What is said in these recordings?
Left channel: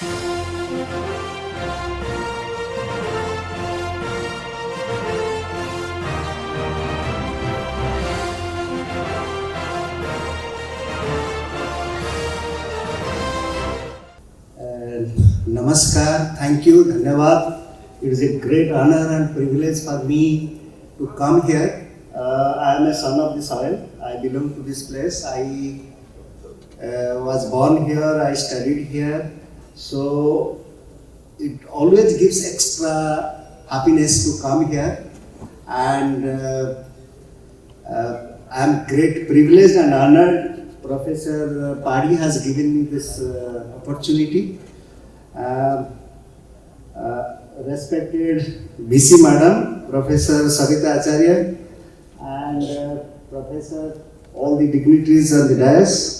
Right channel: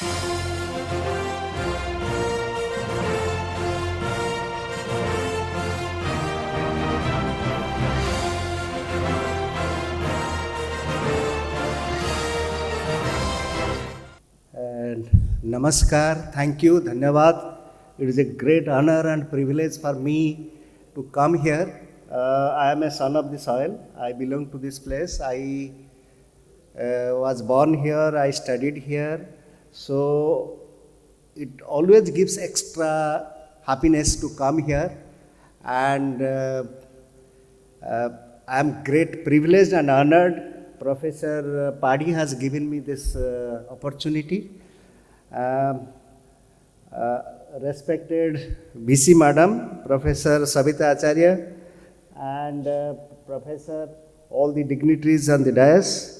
Namaskar, thank you, Dhanyavad. It is a great honor and privilege for me to come here. I am a son of the soil. I belong to this place. I was born here, I studied here. So it always gives extra happiness to come here. And I am great privilege and honored. Professor Padi has given me this opportunity. Respected BC Madam, Professor Savita Acharya, and Professor, all the dignitaries on the dais.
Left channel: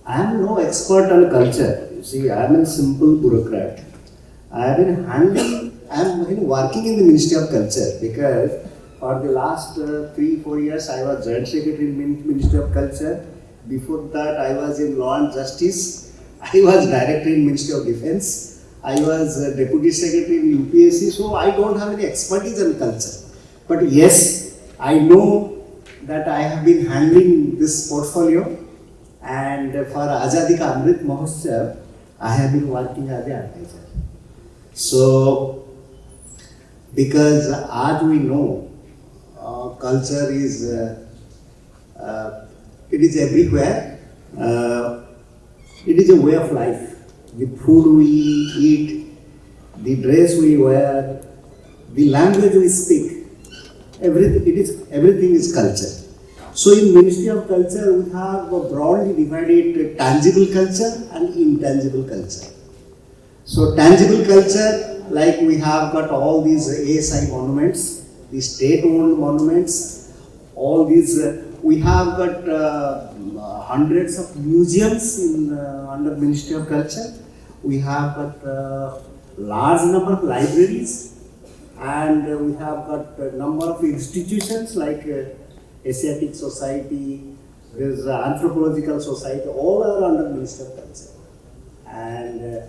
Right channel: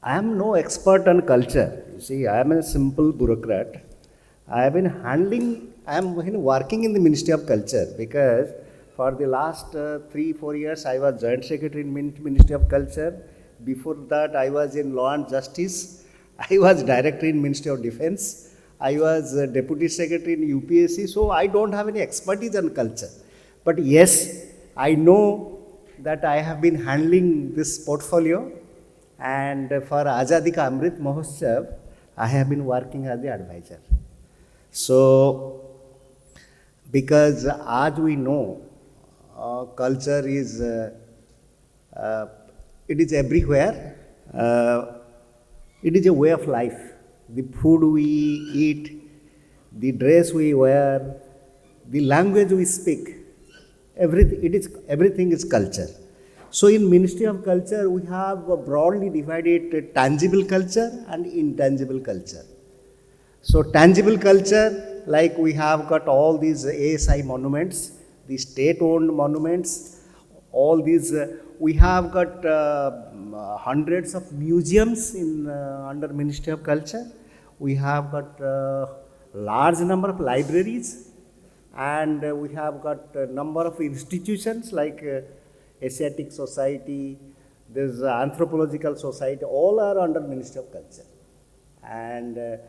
I am no expert on culture. You see, I am a simple bureaucrat. I am working in the Ministry of Culture because for the last 3-4 years I was Joint Secretary in Ministry of Culture. Before that I was in Law and Justice. I was Director in Ministry of Defence. I was Deputy Secretary in UPSC, so I don't have any expertise on culture. But yes, I know that I have been handling this portfolio, and for Azadi Ka Amrit Mahotsav, I have been working as an advisor. So, because as we know, culture is it is everywhere. It is a way of life. The food we eat, the dress we wear, the language we speak, everything is culture. So in Ministry of Culture, we have broadly divided tangible culture and intangible culture. So tangible culture, like we have got all these ASI monuments, the state-owned monuments, all these, we have got hundreds of museums in under Ministry of Culture. We have got large number of libraries, and we have got a number of institutions like Asiatic Society, there is Anthropological Society, all are under Ministry of Culture. And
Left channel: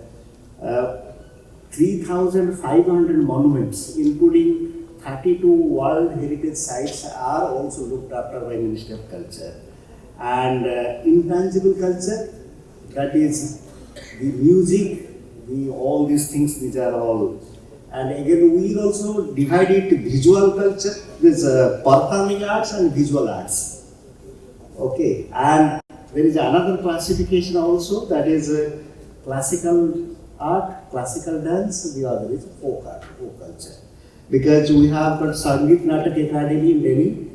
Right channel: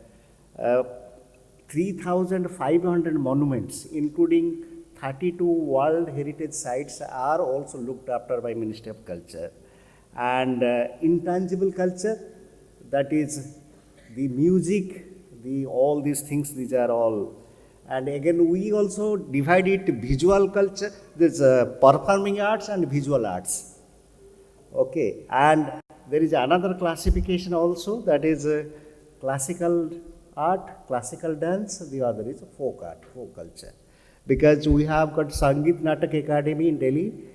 3,500 monuments, including 32 World Heritage Sites, are also looked after by Ministry of Culture. And intangible culture, that is the music, all these things, these are all. And again, we also divide it into visual culture. There's performing arts and visual arts. Okay, and there is another classification also, that is classical art, classical dance, the other is folk art, folk culture. Because we have got Sangeet Natak Academy in Delhi,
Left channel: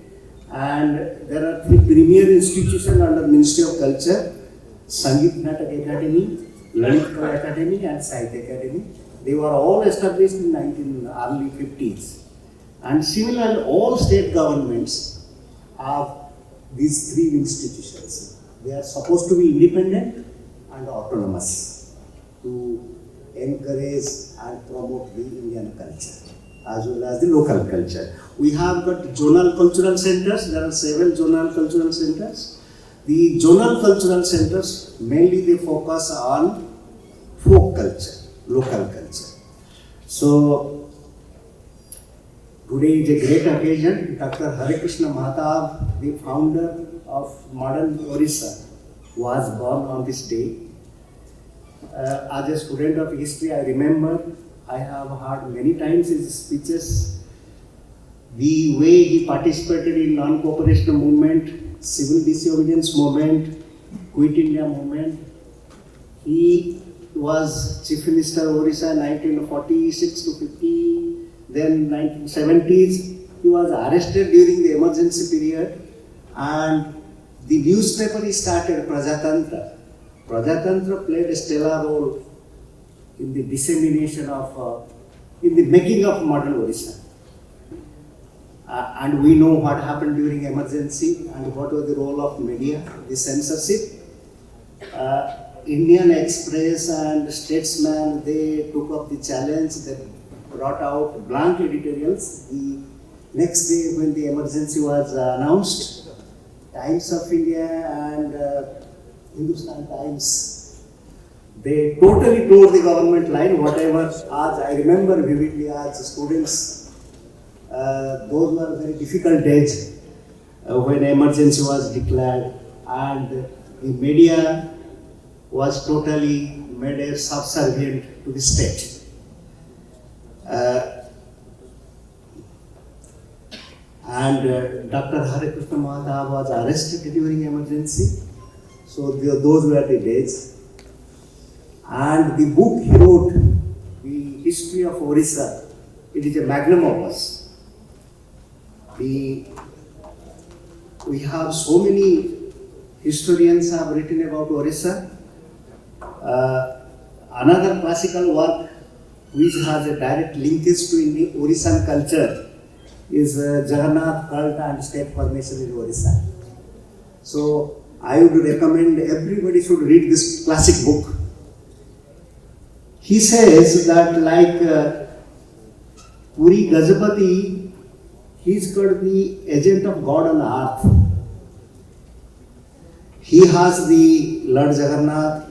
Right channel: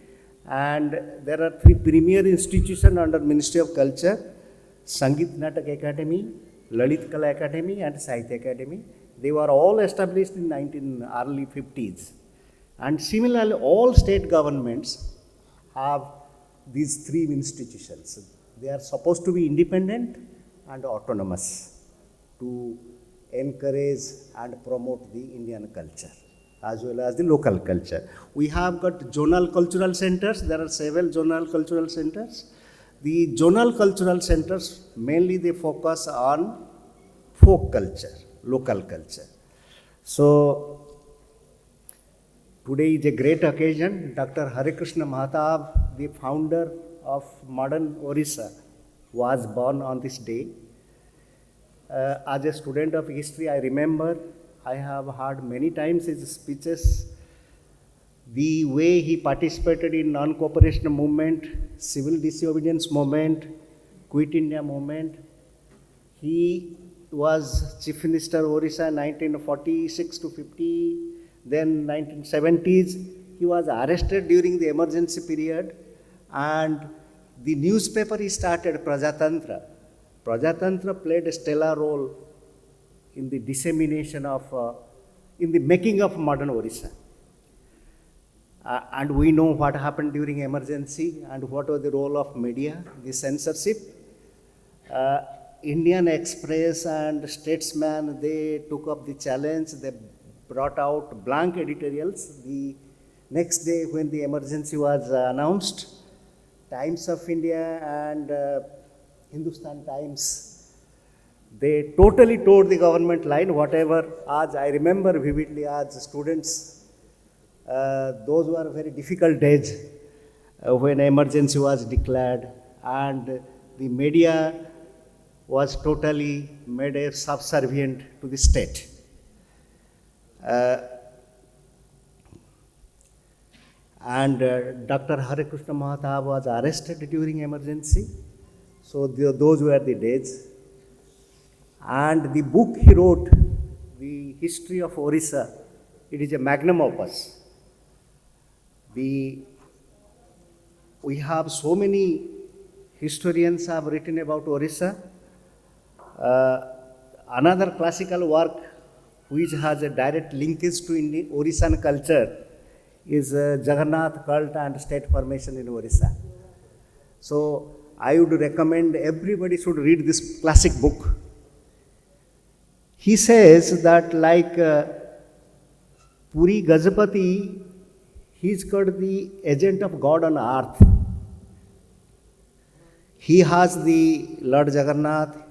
and there are 3 premier institutions under Ministry of Culture: Sangeet Natak Academy, Lalit Kala Academy, and Sahitya Academy. They were all established in early 50s. And similarly, all state governments have these 3 institutions. They are supposed to be independent and autonomous to encourage and promote the Indian culture as well as the local culture. We have got zonal cultural centers. There are 7 zonal cultural centers. The zonal cultural centers, mainly they focus on folk culture, local culture. So, today is a great occasion. Dr. Hare Krishna Mahatav, the founder of modern Orissa, was born on this day. As a student of history, I remember I have heard many times his speeches, the way he participated in non-cooperation movement, civil disobedience movement, Quit India movement. He was Chief Minister of Orissa in 1946 to 50. Then in 1970s, he was arrested during the emergency period, and the newspaper he started, Prajatantra. Prajatantra played a stellar role in the dissemination of, in the making of modern Orissa. And we know what happened during emergency and what was the role of media, the censorship. Indian Express and Statesman, they took up the challenge. They brought out blank editorials. The next day when the emergency was announced, Times of India and Hindustan Times, They totally told the government line, whatever, as I remember vividly as students, those were very difficult days when emergency was declared and the media was totally made a subservient to the state. Dr. Hare Krishna Mahotsav was arrested during emergency. So those were the days. And the book he wrote, The History of Orissa, it is a magnum opus. We have so many historians have written about Orissa. Another classical work which has a direct linkage to Indian Orissan culture is Jagannath Cult and State Formation in Orissa. So I would recommend everybody should read this classic book. He says that like Puri Gajapati, he is called the agent of God on earth. He has the Lord Jagannath,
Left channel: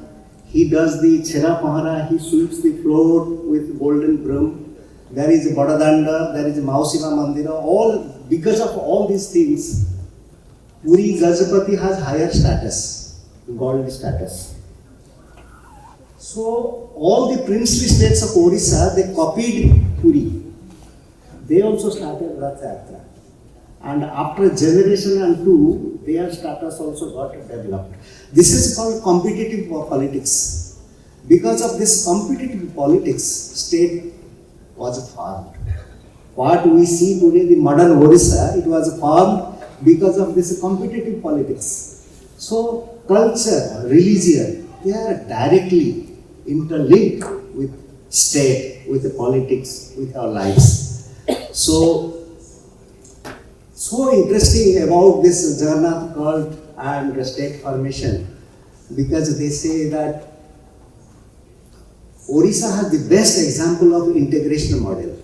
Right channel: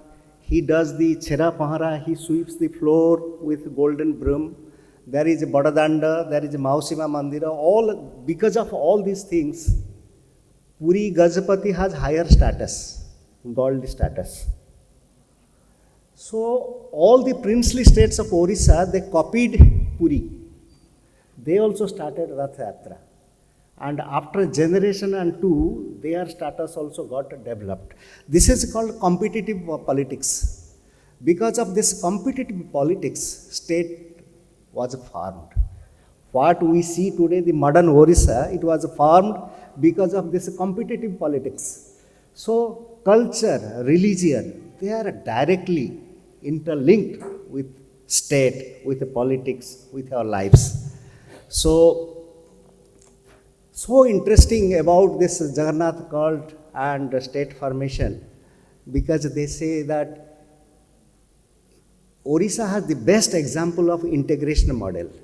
he does the Chheda Pahara, he sweeps the floor with golden broom. There is Badadanda, there is Mausima Mandira, all because of all these things, Puri Gajapati has higher status, godly status. So all the princely states of Odisha, they copied Puri. They also started Rath Yatra. And after a generation and two, their status also got developed. This is called competitive politics. Because of this competitive politics, state was formed. What we see today, the modern Odisha, it was formed because of this competitive politics. So culture, religion, they are directly interlinked with state, with the politics, with our lives. So interesting about this Jagannath cult and state formation, because they say that Orissa has the best example of integration model.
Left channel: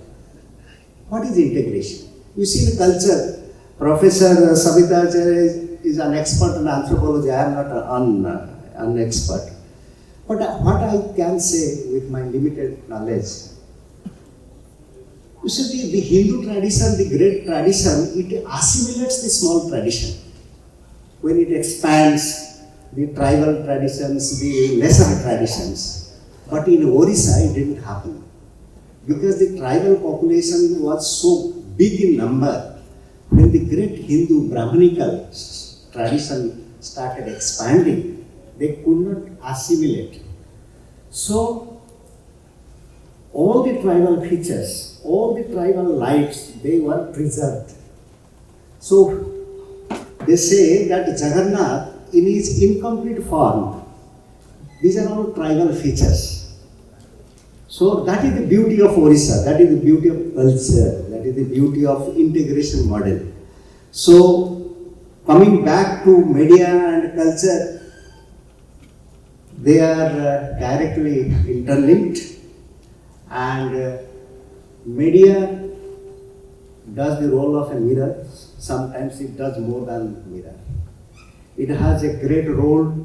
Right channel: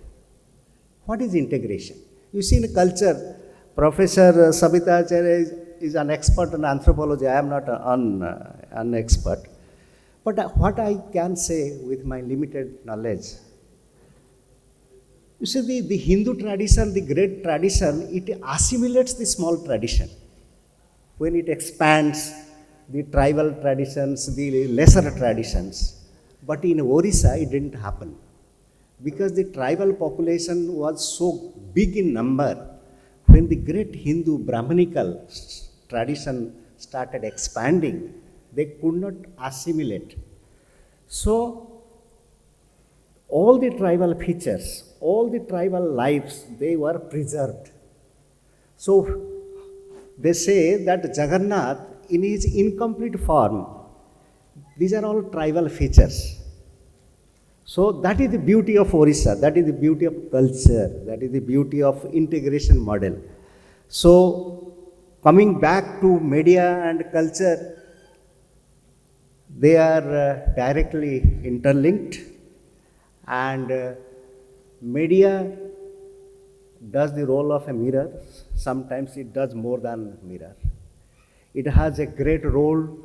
What is integration? You see the culture. Professor Sabita Acharya is an expert in anthropology. I am not an expert. But what I can say with my limited knowledge, you see the Hindu tradition, the great tradition, it assimilates the small tradition. When it expands the tribal traditions, the lesser traditions. But in Orissa, it didn't happen. Because the tribal population was so big in number, when the great Hindu Brahmanical tradition started expanding, they could not assimilate. So, all the tribal features, all the tribal lives, they were preserved. So, they say that Jagannath, in his incomplete form, these are all tribal features. So, that is the beauty of Orissa, that is the beauty of culture, that is the beauty of integration model. So, coming back to media and culture, they are directly interlinked, and media does the role of a mirror. Sometimes it does more than mirror. It has a great role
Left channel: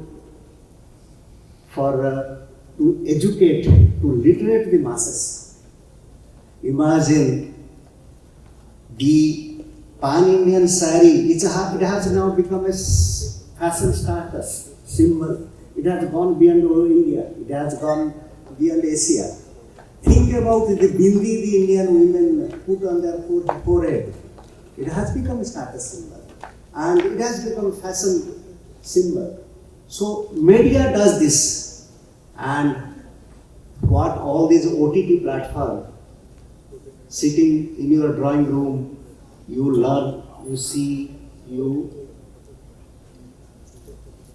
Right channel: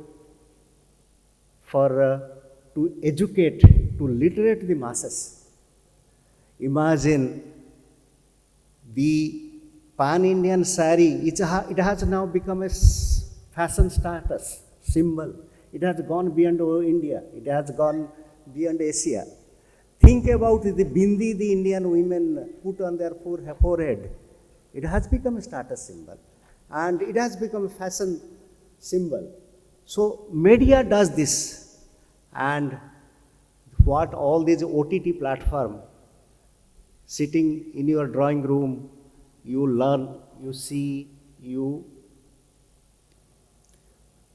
for to educate, to literate the masses. Imagine the pan-Indian sari, it has now become a fashion status symbol. It has gone beyond India. It has gone beyond Asia. Think about the bindi the Indian women put on their forehead. It has become a status symbol. And it has become a fashion symbol. So media does this. And what all these OTT platforms, sitting in your drawing room, you learn, you see, you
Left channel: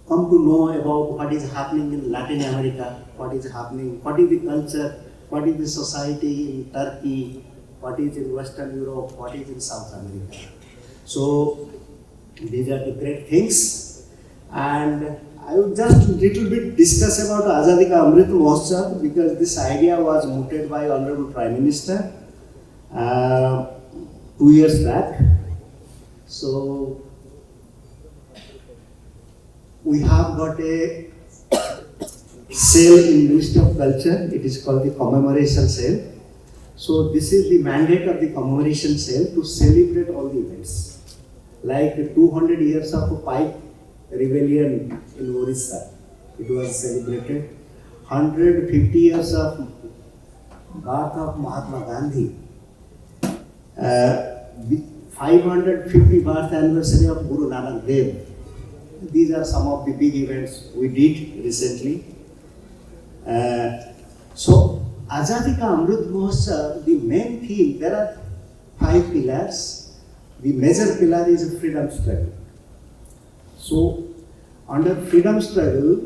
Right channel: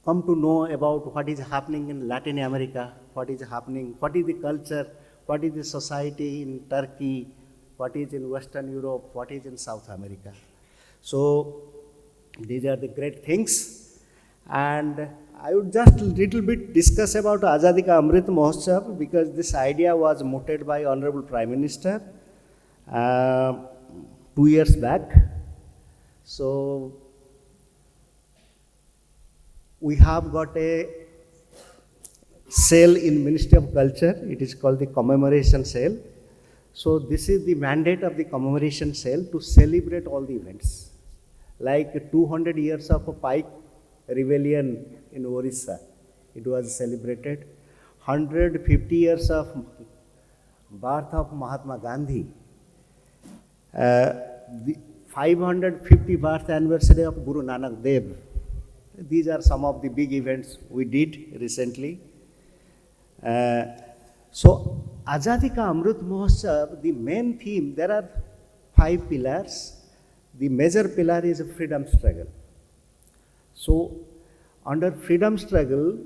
come to know about what is happening in Latin America, what is happening, what is the culture, what is the society in Turkey, what is in Western Europe, what is in South America. So these are the great things. And I would just a little bit discuss about Azadi Ka Amrit Mahotsav, because this idea was mooted by Honorable Prime Minister 2 years back. So we have got a cell in Ministry of Culture. It is called the commemoration cell. So this is the mandate of the commemoration cell to celebrate all the events. Like 200 years of pipe rebellion in Orissa, it was celebrated. 150 years of birth of Mahatma Gandhi. The 550 birth anniversary of Guru Nanak Dev. These are some of the big events we did recently. So, Azadi Ka Amrit Mahotsav, the main theme, there are 5 pillars. The major pillar is freedom struggle. So, under freedom struggle,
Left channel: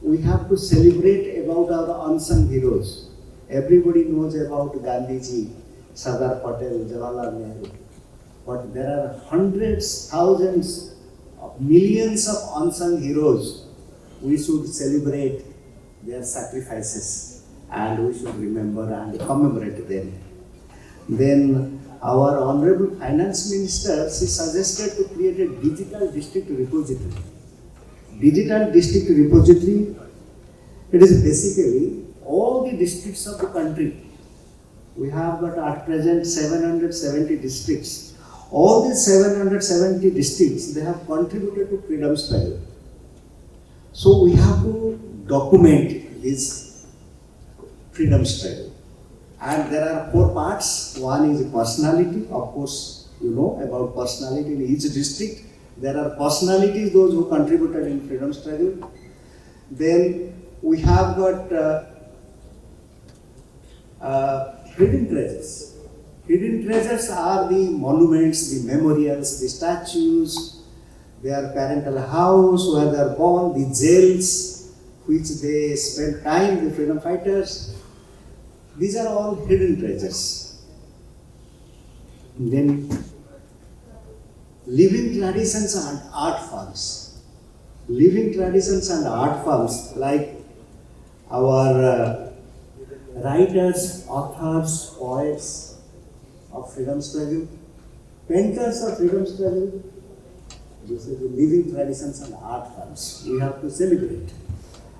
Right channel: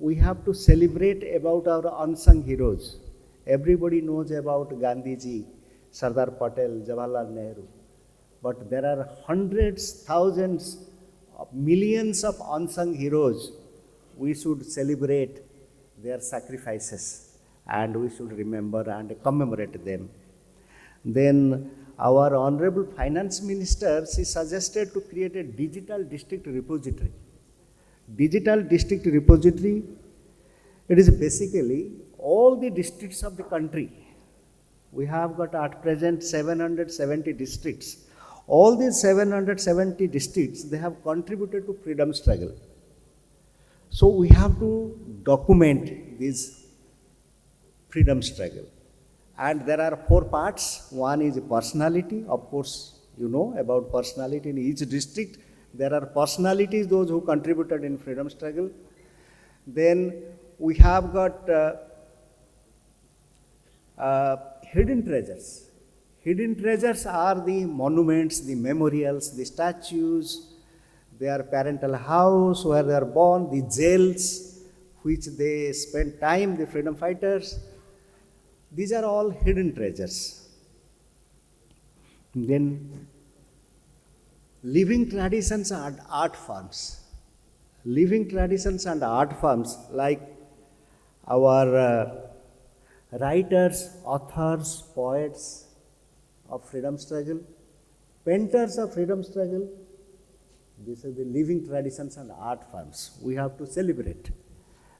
we have to celebrate about our unsung heroes. Everybody knows about Gandhiji, Sardar Patel, Jawaharlal Nehru. But there are hundreds, thousands, millions of unsung heroes. We should celebrate their sacrifices and we should remember and commemorate them. Then our Honorable Finance Minister, she suggested to create a digital district repository. Digital district repository, it is basically all the districts of the country. We have got at present 770 districts. All these 770 districts, they have contributed to freedom struggle. So we have to document this freedom struggle. And there are 4 parts. One is personality. Of course, you know about personality in each district. There are personalities, those who contributed in freedom struggle. Then we have got hidden treasures. Hidden treasures are the monuments, the memorials, the statues, their parental house where they are born, the jails which they spend time, the freedom fighters. These are all hidden treasures. Then living traditions and art forms. Living traditions and art forms like our writers, authors, poets of freedom struggle, painters of freedom struggle. This is the living traditions and art forms we have to celebrate.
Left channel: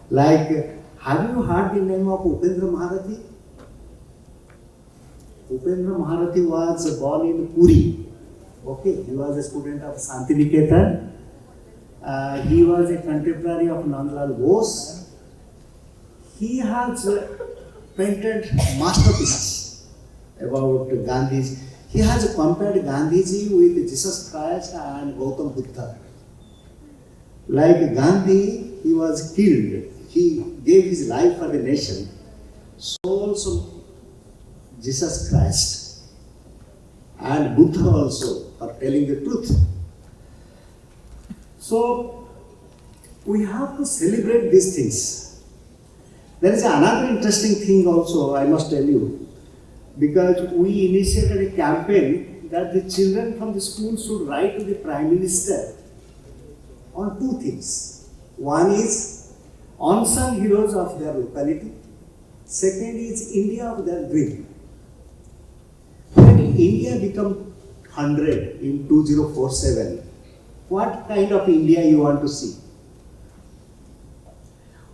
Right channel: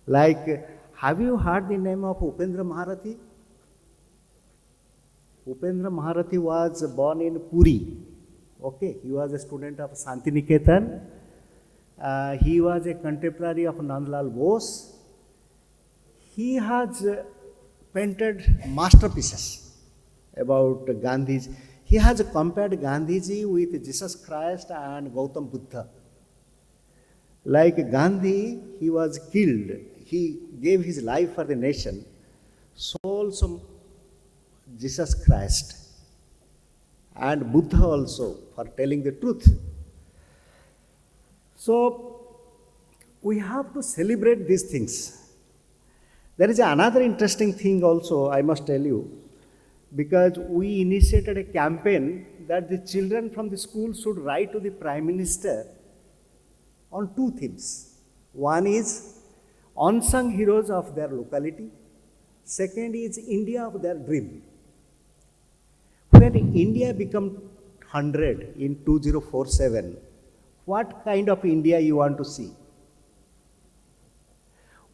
Like, have you heard the name of Upendra Maharati? Upendra Maharati was born in Puri. Okay, he was a student of Santiniketan. He was a contemporary of Nandlal Bose. He has painted masterpieces about Gandhiji. He has compared Gandhiji with Jesus Christ and Gautam Buddha. Like Gandhi, he was killed. He gave his life for the nation. So also Jesus Christ and Buddha also for telling the truth. So we have to celebrate these things. There is another interesting thing also I must tell you, because we initiated a campaign that the children from the school should write to the Prime Minister on 2 things. One is unsung heroes of their locality. Second is India of their dream. When India become 100 in 2047, what kind of India you want to see?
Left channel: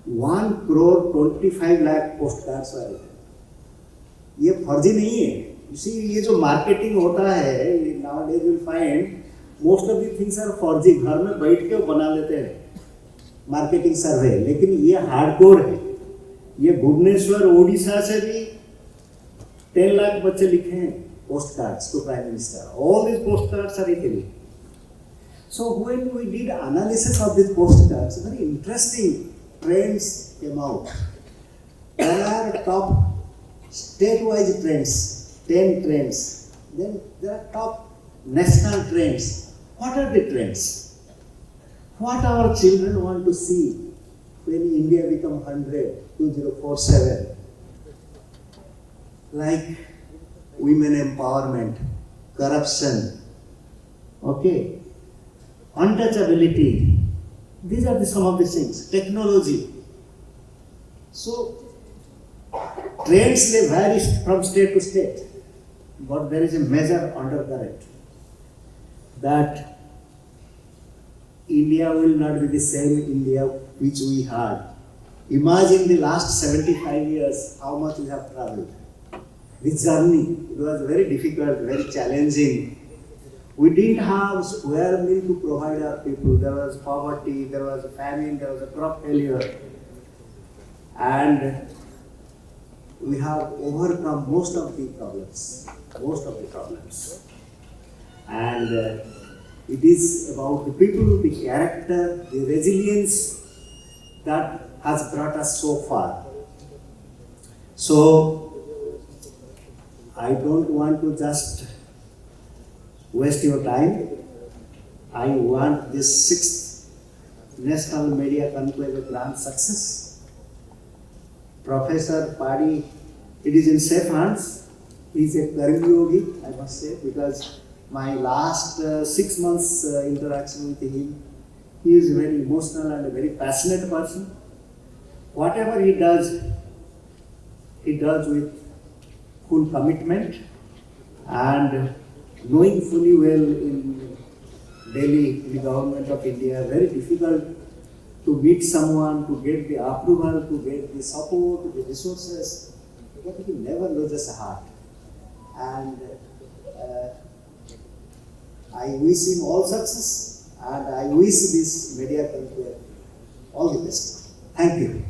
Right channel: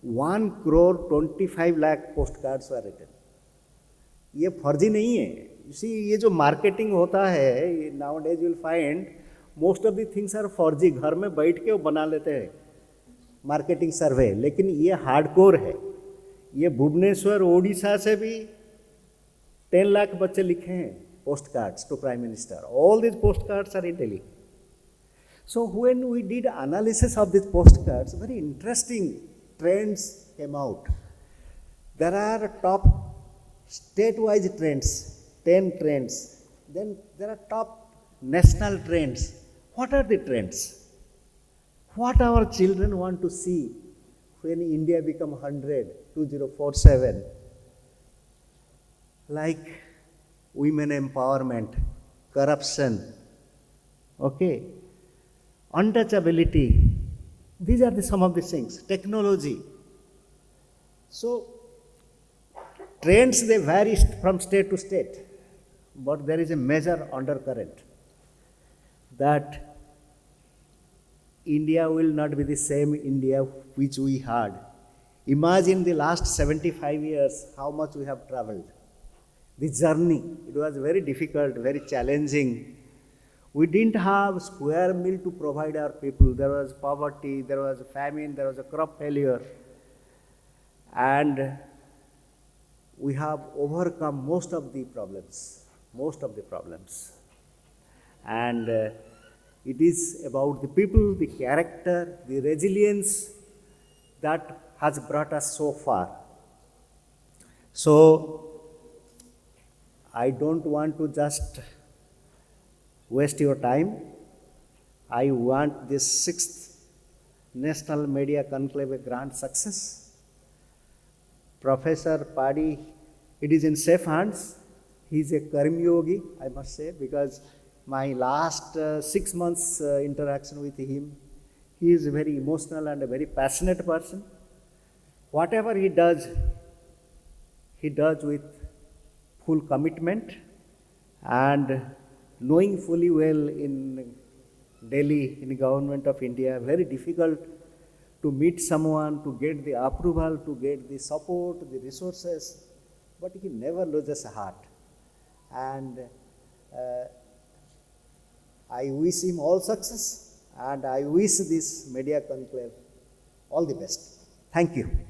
1 crore 25 lakh postcards are there. ये फर्जी नहीं है. You see, ये जो marketing होता है, nowadays you find most of the things are फर्जी. घर में बैठ के बना लेते हैं मार्केटिंग सर्वे, लेकिन ये हार्डकोर है. ये भुवनेश्वर ओडिशा से भी 10 लाख बच्चे लिखे हैं postcards to prime minister. All these postcards are in Delhi. So when we did analysis of these postcards, very interesting trends came out. There are top state-wise trends, 10 trends. Then there are top national trends. What are the trends? What our children want to see when India become 100, 2047? Like women empowerment, corruption, okay, untouchability. These are some of the things. Technology. So trends, they vary from state to state, but there is a major undercurrent that India will not be the same India which we had Imagine the last 75 years, how much we have traveled. This journey, it was very difficult, very challenging. We didn't have wherewithal to provide our people. There was poverty, there was famine, there was a crop failure. And we have overcome most of the problems. And it is about the people, the character, the resilience that has brought us so far. So, I don't want to just waste your time. I want this 6th National Media Conclave a grand success. Professor Padi, it is in safe hands. He is a Karmi yogi, I must say, because my last 6 months interaction with him, he is a very emotional and a very passionate person. Whatever he does with full commitment and knowing fully well in Delhi, in the government of India, very difficult to meet someone, to get the approval, to get the support, the resources, but he never loses a heart. And I wish him all success, and I wish this media conclave all the best. Thank you.